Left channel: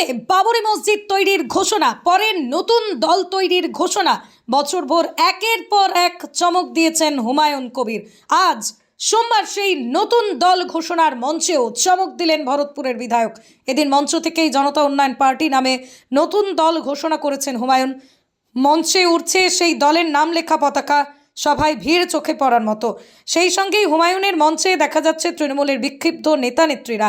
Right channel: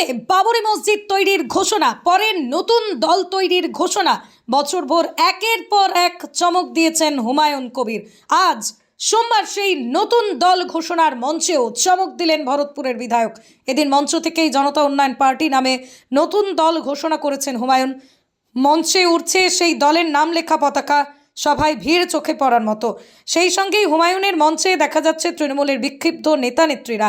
প্রথমে বাবরি মসজিদ তৈরির ঘোষণা, পরে নতুন দল তৈরির ঘোষণা। বছরভর একের পর এক চমক দিয়েছেন হুমায়ুন কবির। আজ সোমবার সেই নতুন দল ঘোষণার মঞ্চেও চমক দিলেন ভরতপুরের বিধায়ক। এদিন মঞ্চ থেকেই জনতা উন্নয়ন পার্টি নামে নতুন দল ঘোষণা করেছেন হুমায়ুন। মঞ্চে উঠছে সেই দলের নাম লেখা পতাকা, সভায় ভিড় চোখে পড়ার মতো। সেই সঙ্গেই হুমায়ুনের মঞ্চে দেখা যাচ্ছে তৃণমূলের বিক্ষিপ্ত নেতা নেত্রীরা।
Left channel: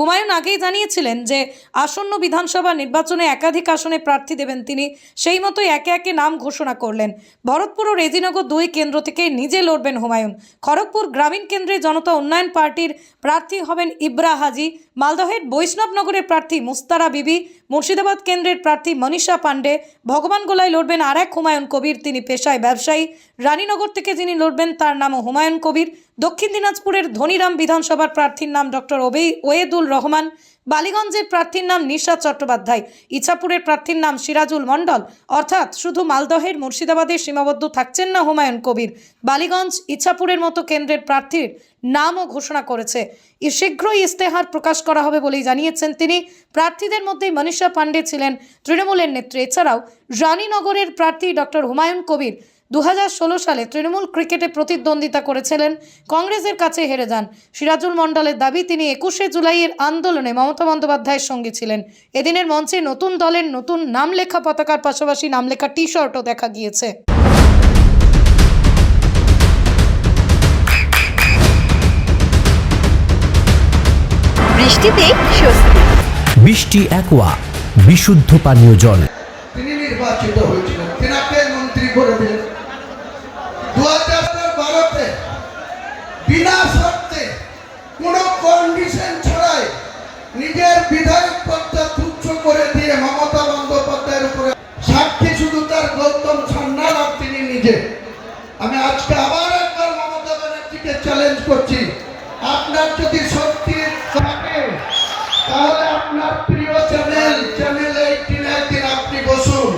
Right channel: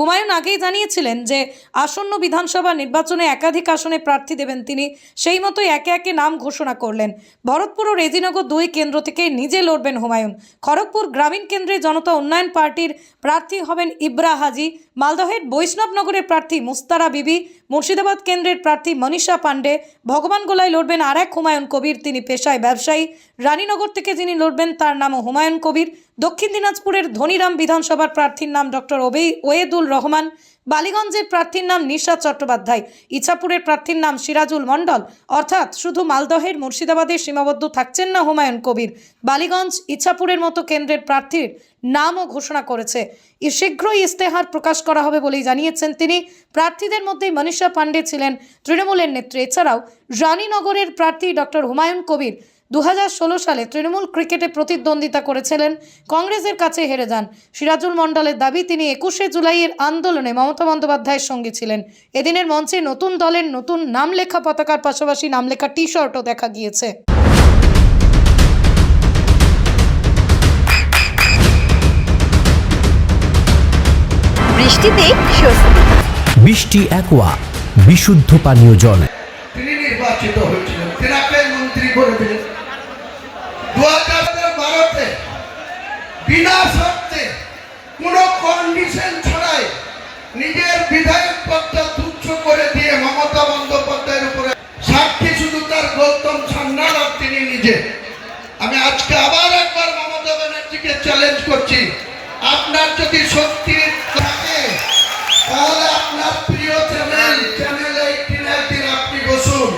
হুমায়ুন আগেই জানিয়েছিলেন যে আসন্ন বিধানসভা নির্বাচনে একাধিক আসনে প্রার্থী দেবেন তিনি। সেই মতোই একে একে নাম ঘোষণা করলেন। ভরতপুর ও রেজিনগর 2 কেন্দ্র থেকে নিজে লড়বেন হুমায়ুন। খড়গপুর গ্রামীণ কেন্দ্রে জনতা উন্নয়ন পার্টির প্রার্থী হবেন ইব্রা হাজি। মালদহের বৈষ্ণবনগরের প্রার্থী মুস্তারা বিবি। মুর্শিদাবাদ কেন্দ্রের প্রার্থী মনীষা পান্ডে। ভগবানগোলায় লড়বেন আর এক হুমায়ুন কবির, তিনি পেশায় ব্যবসায়ী। রানীনগর থেকে যিনি লড়বেন তার নামও হুমায়ুন কবির। দক্ষিণ দিনাজপুরের ধনিরাম বিধানসভার প্রার্থীর নাম ডক্টর ওয়েদুল রহমান। বালিগঞ্জের প্রার্থীর নাম নিশাত চট্টোপাধ্যায়। ইছাপুরের প্রার্থীর নাম সিরাজুল মণ্ডল। অর্থাৎ শুধু মালদহের মুর্শিদাবাদের সীমাবদ্ধ থাকছেন না হুমায়ুন কবির, বালিগঞ্জ ইছাপুরের মতো কেন্দ্রের প্রার্থীর নামও ঘোষণা করেছে। শীঘ্রই ইস্তেহার প্রকাশ করা হবে বলেই জানিয়েছেন তিনি। প্রার্থীদের মধ্যে মনীষা পান্ডে ছিলেন তৃণমূলের নেত্রী। এছাড়াও রানীনগরের প্রার্থী ডক্টর হুমায়ুন কবির 2016 সালে তৃণমূল ক্রিকেটে প্রতিদ্বন্দ্বিতা করেছিলেন, কংগ্রেসের কাছে হেরে যান। সিরাজুল মণ্ডলের দাবি তিনি 21শে জুলাইয়ের আন্দোলনে মমতা বন্দ্যোপাধ্যায়ের সঙ্গে ছিলেন। এদিনের মঞ্চে নতুন দলের নতুন নাম লেখা পতাকার পাশাপাশি নাম লেখা টি শার্টও দেখা গিয়েছে। বৃষ্টিতে স্বস্তি। বৃষ্টি অ্যাকোয়া বিশুদ্ধ পানীয় জল। তিনি নির্বাচিত হয়েছিলেন, তেনাকে মন্ত্রী করে দিলেন 2012-তে বিনা শর্তে কোনো কন্ডিশন ছাড়াই নিজের বিধায়ক পদটা তুচ্ছ করে দিয়ে মমতা বন্দ্যোপাধ্যায়ের উপরে সাক্ষী শুধু তার গৌতম সান্যাল আর তিনি নিজে। আমি আজকে আবার একবার মমতা ব্যানার্জিকে চ্যালেঞ্জ করছি, আপনার যদি শক্তি থাকে তাহলে আপনার প্রিয় চ্যানেল 18 দিন আপনি বসুন,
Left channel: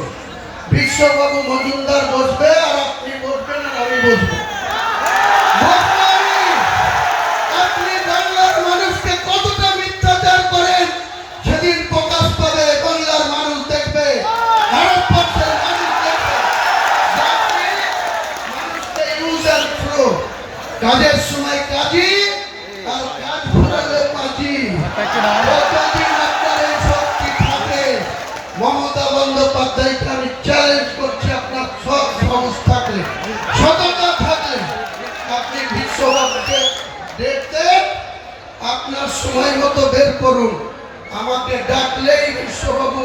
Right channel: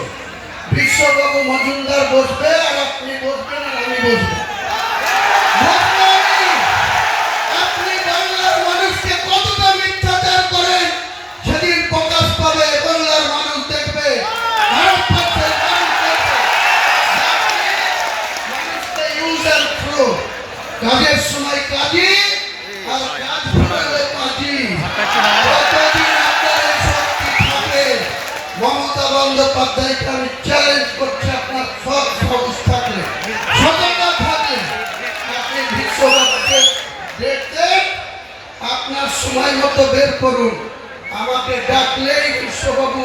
বিশ্ববাবু মজুমদার বসবে আর আপনি বসবেন আর আমি বসবো। আপনি বাংলার মানুষকে কতটা মিথ্যাচার করেন সেদিন প্রকাশ পাবে, বাংলার মানুষ দেখবে, ভারতবর্ষের মানুষ দেখবে। মানুষকে ইউজ অ্যান্ড থ্রো, কাজের সময় কাজী আর কাজ ফেরালে কাজী। মমতা বন্দ্যোপাধ্যায়কে আমি চ্যালেঞ্জ করছি, আপনার সব সাহস থাকলে, সততা থাকলে আপনি বিশ্ববাবুকে দেখতে আপনার সময় মতো বের করুন। আমাকে ডাকলেই বিশ্ববাবু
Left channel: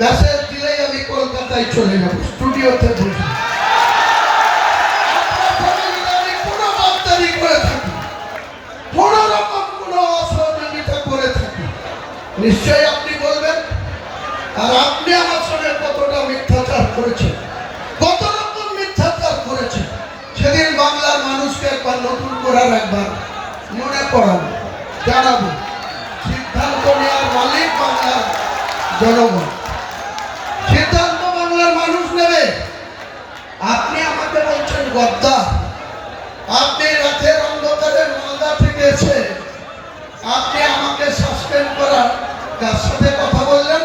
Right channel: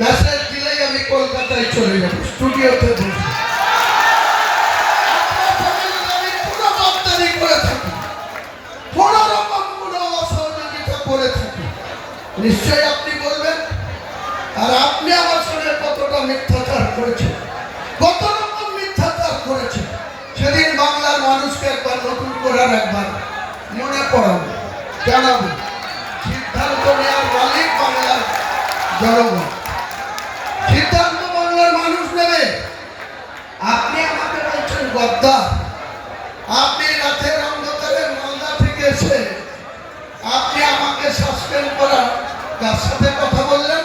মেসেজ দিলেই আমি কলকাতায় চলে যাব, স্টুডিওতে বসে। আমি কোনো বার্তারি করে থাকি, কোনো রকম কোনো অসহযোগিতা করে থাকি, নিশ্চয়ই আপনি বলবেন। আর আপনি আমার সঙ্গে কতটা মিথ্যাচার করেছেন, কত রকম মিথ্যাচার করেছেন, সেদিন বাংলার মানুষকে একবার নতুন করার একবার মনে পড়াবো, জানাবো। সিদ্ধান্ত নেওয়ার মালিক বাংলার জনগণ, সিদ্ধান্ত বাংলার মানুষ নেবে। আপনি আমাকে বলছেন গদ্দার, আপনি রাতের অন্ধকারে মালদা থেকে এসে আপনি আমাকে সাসপেন্ড করার কার সাথে কথা বললেন?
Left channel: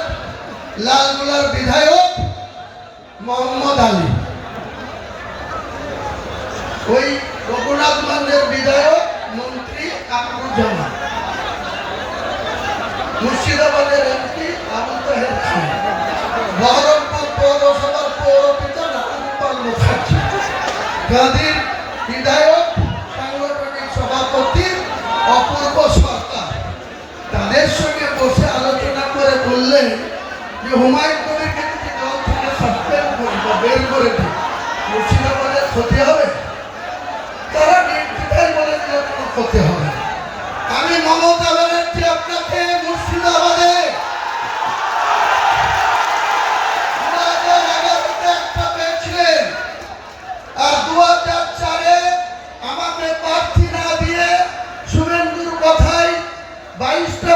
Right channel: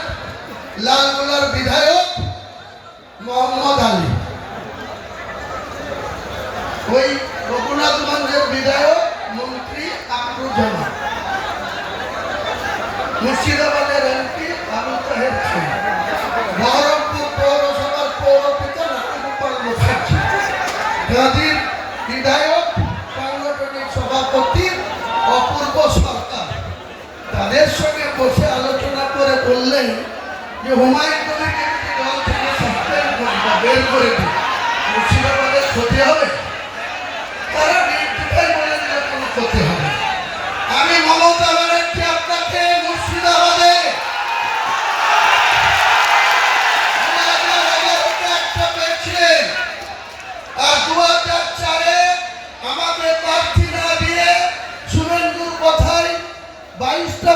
লালগোলার বিধায়ক মোহাম্মদ আলী, ওই রঘুনাথগঞ্জের বিধায়ক মন্ত্রী আবদুজ্জামান, মুর্শিদাবাদের এমপি আবু তাহের খান, বহরমপুর পৌরসভার পৌরপিতা রামগোপাল মুখার্জি, গাজীর বিধায়ক সাংগঠনিক সভাপতি অপূর্ব সরকার, তাদের সঙ্গে বসে আলোচনা করে বললেন যে হুমায়ুন কবিরকে দল থেকে সাসপেন্ড করে বা বের করে দিন, মুর্শিদাবাদের ক্ষতি হবে। তারা নির্দ্বিধায় বলে দিলে কোনো ক্ষতি হবে। আমি মমতা ব্যানার্জি আপনাকে মুর্শিদাবাদে 2011-তে একটা পেয়েছিলেন, আর 2004-এ আমাকে প্রার্থী না দিয়ে শুভেন্দুর কথায় 22টা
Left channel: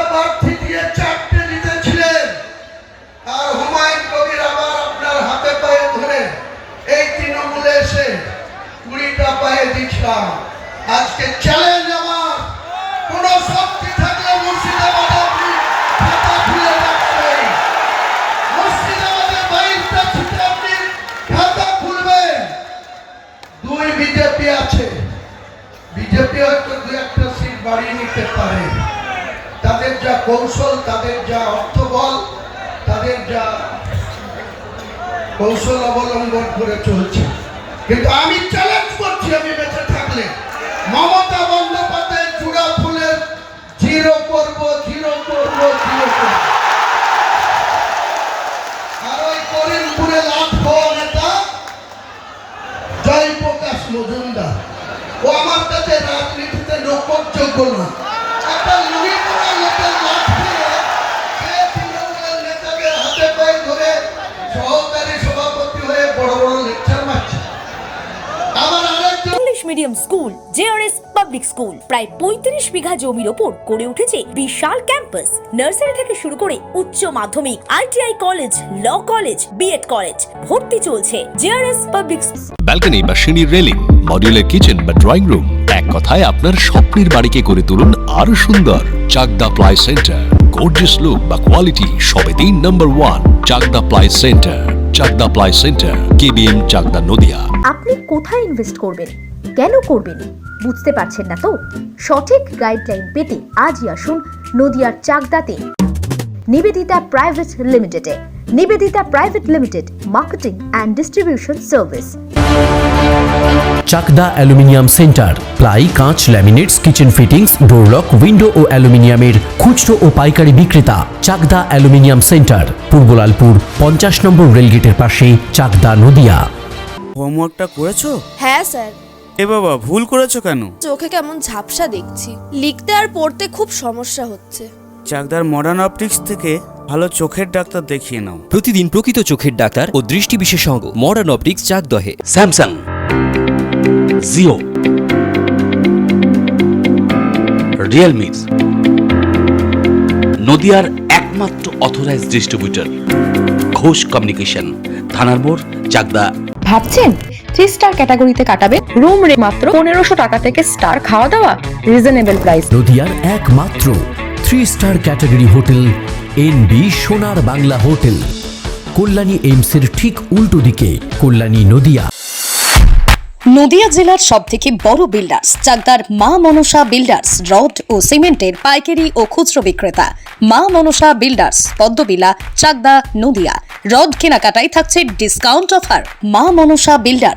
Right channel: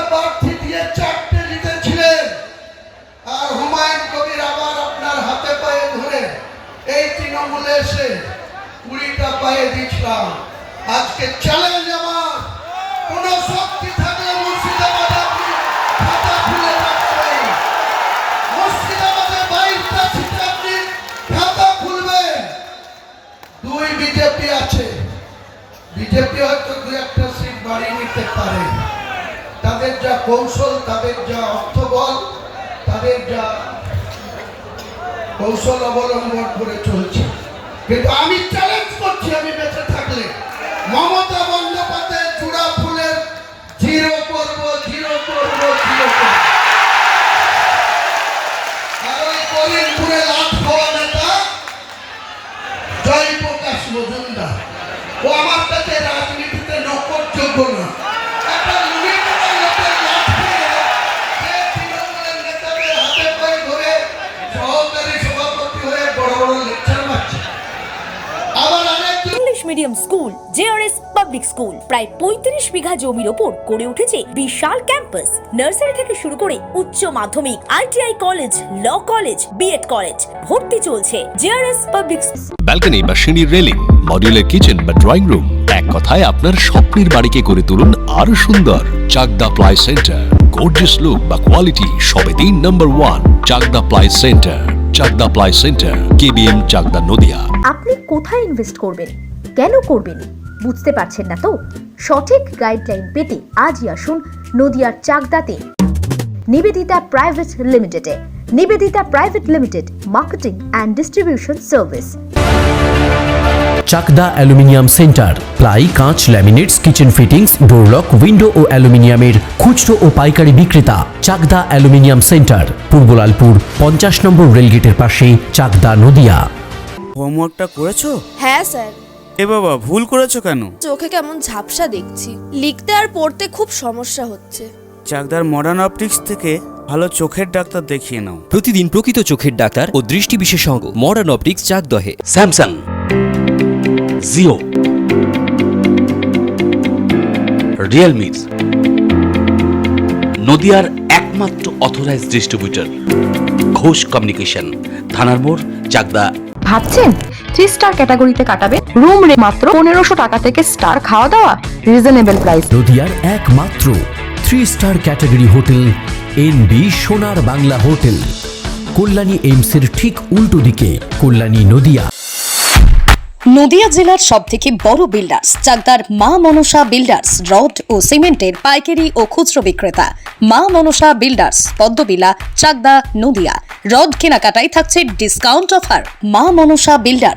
কৌশল, তাদের যা অর্থবল, তাদের যা কৌশল অবলম্বন করে চলছে। কিন্তু আমি চ্যালেঞ্জ করছি, আমি বেঁচে থাকলে মমতা বন্দ্যোপাধ্যায়ের চূড়া ফুলের জিরো করব, জিরো করব, জিরো করব। আর ওই করিমপুরে লাট খাওয়া নেতা জয়প্রকাশ মজুমদার, ও আমার কাছে রাজনীতিতে নকরযোগ্য না। একটা লুঙ্গি পরা লোকের লাট খেয়ে সে তৃণমূলের নেতাদের হাতে পায়ে ধরে সহকারী সভাপতি হয়ে বড় বড় লেকচার মারছে। আবার আরেকজন English medium school JRS public school প্রায় 35 বিঘা জমির ওপর গড়ে উঠেছে বিশাল ক্যাম্পাস। নার্সারি থেকে শুরু করে উচ্চ মাধ্যমিক, ITI college, law college, BEd college ভর্তি চলছে। জেআরএস পাবলিক ব্যালকনি বা সিঁড়ির রেলিং, মডিউলার কিচেন বা ড্রয়িং রুম, এক কথায় আপনার স্বপ্নের বাড়িকে করে তুলুন আরো সুন্দর। Chakdah ply centre, gorgeous look বা কোয়ালিটি সবে 3 number 1 Chakdah ply centre. Chakdah ply centre, KBM, Chakdah, Nadia. আপনি কোথায় ইনভেস্ট করবেন, কেন করবেন বুঝতে পারছেন না তো? সঠিক গাইডলাইন পেতে আজই আসুন নদিয়ার চাকদাতে নিবেদিতা প্রাইভেট লিমিটেডে। Nivedita private limited, marketing and distribution service. Chakdah aluminium centre, ply, কাঁচ, laminates, kitchen fittings, door lock, window ও অ্যালুমিনিয়ামের খুচরো ও পাইকারি বিক্রেতা। চাকদা অ্যালুমিনিয়াম সেন্টার, পূর্বলালপুর 50 নম্বর রেলগেটের পাশে, চাকদা, নদিয়া। হোমওয়ার্কটা করেছো? হ্যাঁ স্যার, এ বাবা, ভুল করেছো কেন? চোখে কেমন ঝাপসা দেখছি, লিখতে আর পড়তে খুব সমস্যা হচ্ছে। চাকদার মডার্ন অপটিক্স থেকে ভালো চোখের ডাক্তার দেখিয়ে নাও। প্রতিদিন প্রকৃত চোখের ডাক্তার ও দৃষ্টি বিশেষজ্ঞ মডার্ন অপটিক্স চাকদহে। স্যামসাং, জিও, রিয়েলমি, নদিয়ার একমাত্র অথরাইজড ডিস্ট্রিবিউটর ঘোষ কমিউনিকেশন, থানার মোড়, চাকদা। ভাবছেন 3 স্টার ক্যাটাগরিতে কাটাবে? রুম রে মাত্র 1500 টাকা থেকে স্টার, খাওয়া দাওয়া রিজনেবল প্রাইস। নদিয়ার একমাত্র 3 স্টার ক্যাটাগরি হোটেল এনবি সোনার বাংলা হোটেল, কল্যাণী এইমসের ঠিক উল্টো দিকে, কল্যাণী, নদিয়া। নদিয়া জেলার সবথেকে বড় বিল্ডার্স চাকদার মা মনসা বিল্ডার্স, রড ও সিমেন্টের পাইকারি ও খুচরো বিক্রেতা। মা মনসা বিল্ডার্স, পদ্মবিলা, চাকদা, নদিয়া। রড কেনাকাটায় থাকছে ডিসকাউন্ট অফার। মা মনসা বিল্ডার্স,